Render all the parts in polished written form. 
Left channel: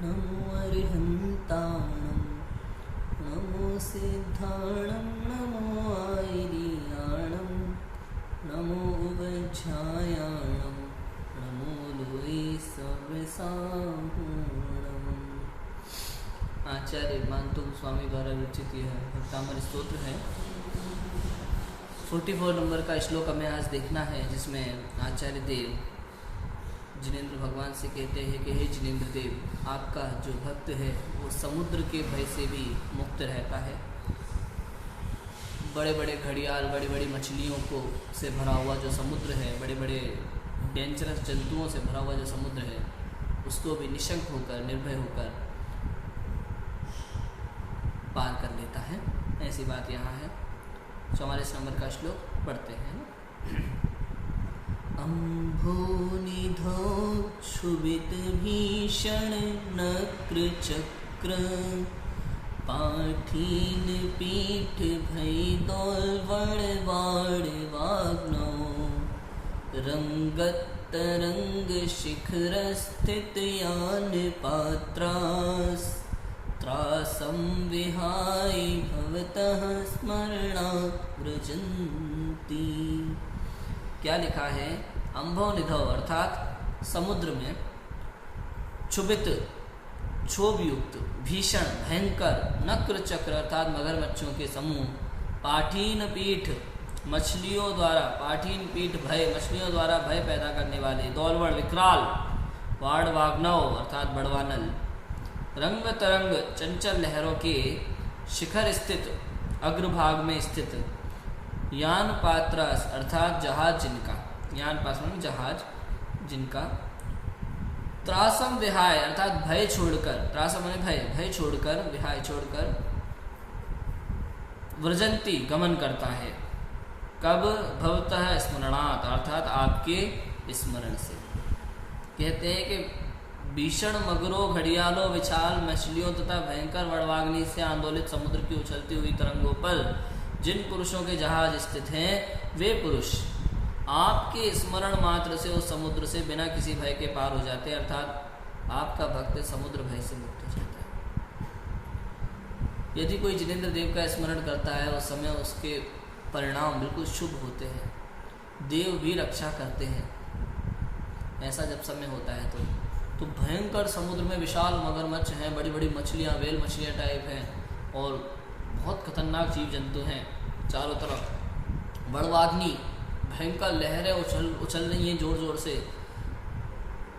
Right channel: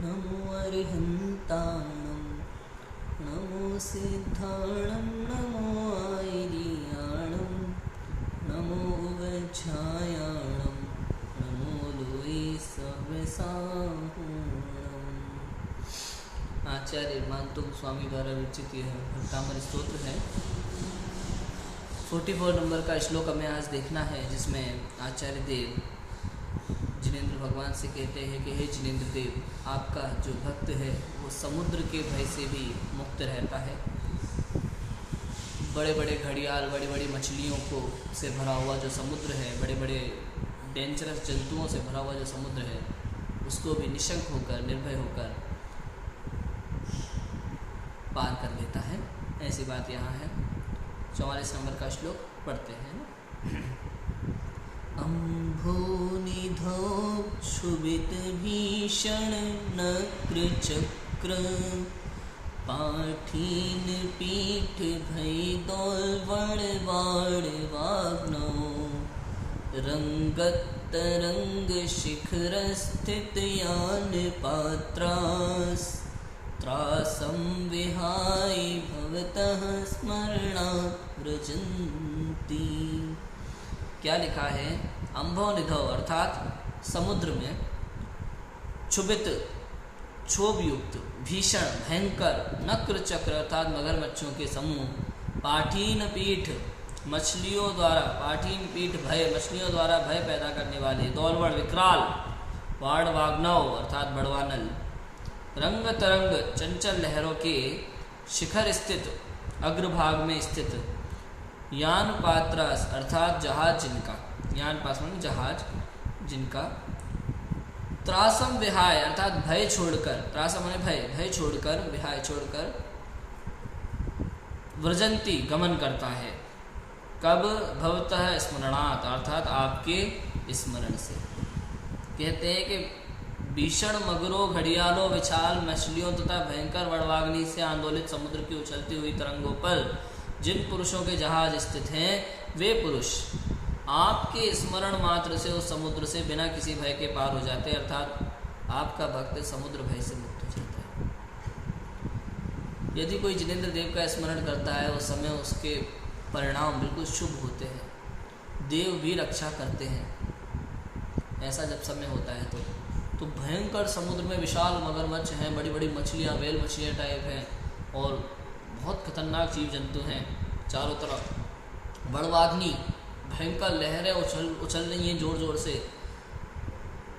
नमो अर्हन्ताणं नमो सिद्धाणं नमो आयर्याणं नमो उवज्झायाणं नमो लोई सर्वसाहूणम्। आचार्य मानतुंग स्वामी द्वारा विरचित यह भक्तामर स्तोत्र है। 44 नंबर का श्लोक हमें आज देखना है, जिसमें आचार्य देव जिनेंद्र भगवान से कहते हैं कि हे जिनेंद्र देव, आपका जो भक्त है वो समुद्र के भय से भी मुक्त रहता है। बड़े बड़े घड़ियाल, बड़ी बड़ी मछलियों को से भरा हुआ जो समुद्र है, बड़े बड़े डेंजरस जंतुओं से भरा हुआ जो समुद्र है, उसको भी निशंक होकर, निर्भय होकर पार कर लेता है। ऐसी बात यहाँ है। 44 नंबर का श्लोक पढ़ते हैं। अम्भोनिधौ क्षुभित भीषण नक्रचक्र पाठीन पीठ भय दौलवण वाग्नौ रंगतरंग शिखर स्थित यान पात्रास त्रासं विहाय भवतः स्मरणात् व्रजन्ति। क्या लिखा है? अम्भो निधौ अर्थात समुद्र में क्षुभित, क्षोभ युक्त, भीषण, भयंकर, नक्र चक्र अर्थात मगरमच्छों के समूह, पाठीन पीठ मछलियों द्वारा, पाठीन पीठ भय मछलियों द्वारा भय पैदा करने वाले, दौलवड़ विकराल, वाड़ वाग्नव अर्थात बड़वानल, रंग तरंग चंचल लहरों के शिखर स्थित, अग्रभाग में स्थित, यान पात्रास अर्थात जहाज जिनका, यान पास में जहाज जिनका, त्रासम विहाय अर्थात भय छोड़कर, त्रासम माने भय, भय छोड़कर, विहाय छोड़कर, व्रजंती गमन करता है। कब? भवतः स्मरणात् अर्थात आपके स्मरण से। कहते हैं कि भीषण मगरों, घड़ियालों, विशाल मछलियों तथा भयंकर वड़वाग्नि से आंदोलित समुद्र की उछलती हुई तरंगों पर जिन पुरुषों के जहाज स्थित हैं, वे पुरुष आपके स्मरण मात्र से उस समुद्र से बिना किसी भय के पार हो जाते हैं। अर्थात आपका भक्त समुद्र भय से मुक्त हो जाता है। यदि कोई जिनेंद्र देव का स्मरण करता है, उस समय उसके परिणाम बिल्कुल शुभ होते हैं, देव भी रक्षा करते हैं। ऐसा जब समय होता है तो भयंकर समुद्र में विशाल मगरमच्छ हैं, बड़ी बड़ी मछलियाँ, वेल मछलियाँ टाइप हैं, और बहुत खतरनाक जीव जंतु हैं चारों तरफ। बड़वाग्नि, भयंकर लहरें उछल रही हैं जोर जोर से,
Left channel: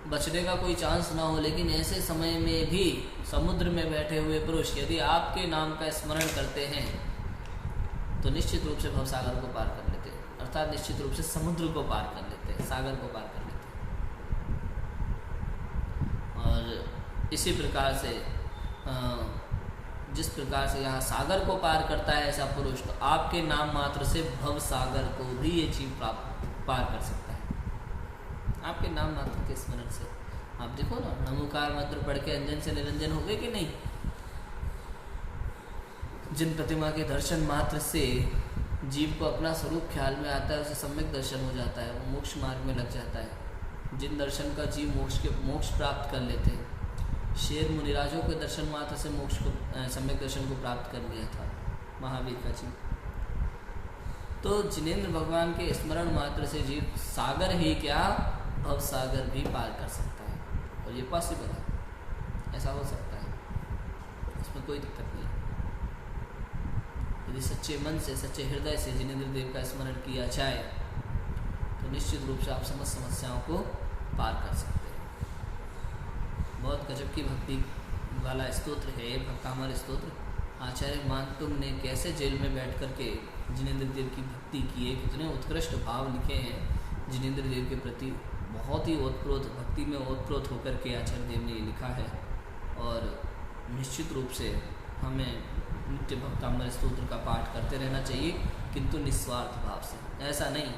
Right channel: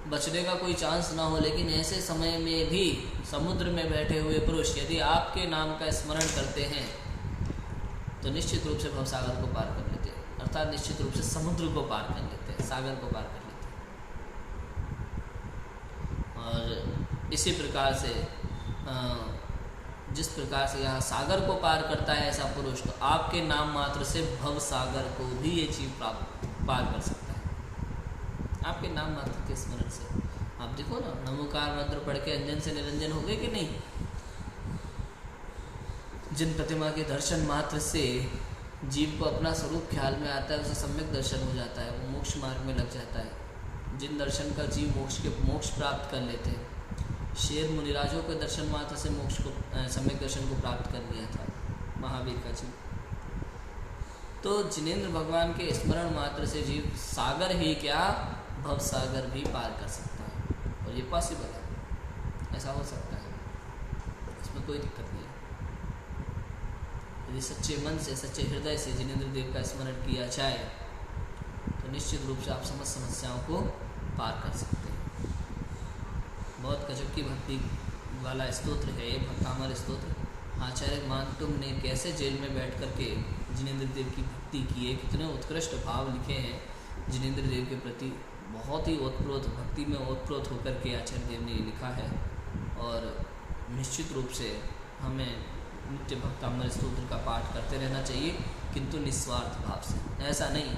बचने का कोई चांस ना हो। लेकिन ऐसे समय में भी समुद्र में बैठे हुए पुरुष यदि आपके नाम का स्मरण करते हैं तो निश्चित रूप से भवसागर को पार कर लेते हैं, अर्थात निश्चित रूप से समुद्र को पार कर लेते हैं, सागर को पार कर लेते हैं। और इसी प्रकार से जिस प्रकार से यहाँ सागर को पार करता है ऐसा पुरुष, तो आपके नाम मात्र से भव सागर को भी ये जीव पार कर सकता है, आपके नाम मात्र के स्मरण से। आप देखो ना, नमोकार मंत्र पढ़ के अंजन से निरंजन हो गए कि नहीं? जिन प्रतिमा के दर्शन मात्र से जीव को अपना स्वरूप ख्याल में आता है, उसे सम्यक दर्शन हो जाता है, वो मोक्ष मार्ग में लग जाता है। जिन दर्शन का जीव मोक्ष प्राप्त कर लेते हैं, शेर मुनिराजों के दर्शन मात्र से मोक्ष को, सम्यक दर्शन को प्राप्त कर लिया था महावीर का जीव। तो जिनेंद्र भगवान के स्मरण मात्र से जीव सागर ही क्या, भव सागर भी पार कर सकता है। और ये पॉसिबल है, ऐसा हो सकता है, इसमें कोई दिक्कत नहीं है। यदि सच्चे मन से, सच्चे हृदय से जिनेंद्र देव का स्मरण किया जाए तो निश्चित रूप से आप समस्त समस्याओं को पार कर सकते हैं। बहुत गजब की भक्ति वाला स्तोत्र है ये भक्तामर स्तोत्र। आचार्य मानतुंग ने कैसे जेल में बैठ कर के जिनेंद्र देव की भक्ति की है, कितने उत्कृष्ट भाव लिखे हैं जिनेंद्र देव के प्रति। बहुत ही ओतप्रोत भक्ति में ओतप्रोत होकर के आचार्य देव ने ये लिखा है। और निश्चित रूप से हमें नित्य भक्तामर स्तोत्र का पाठ करते रहना चाहिए, किंतु निस्वार्थ भाव से। ऐसा नहीं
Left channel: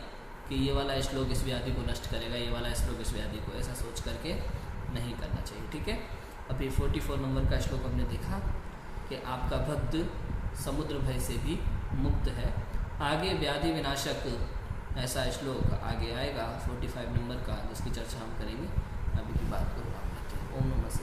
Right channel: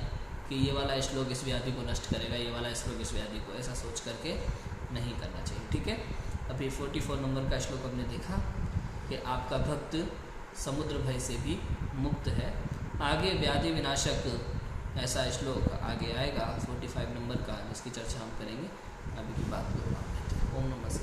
कि ये वाला श्लोक इस व्याधि को नष्ट करेगा, ये वाला श्लोक इस व्याधि को, ऐसा सोच करके नहीं करना चाहिए। ठीक है, अभी 44 नंबर का श्लोक हमने देखा कि आपका भक्त समुद्र भय से भी मुक्त है। आगे व्याधि विनाशक ऐसा श्लोक आगे आएगा 45 नंबर का, जिसकी चर्चा हम करेंगे। अभी की बात को हम लेते हैं। ओम नमः शिवाय।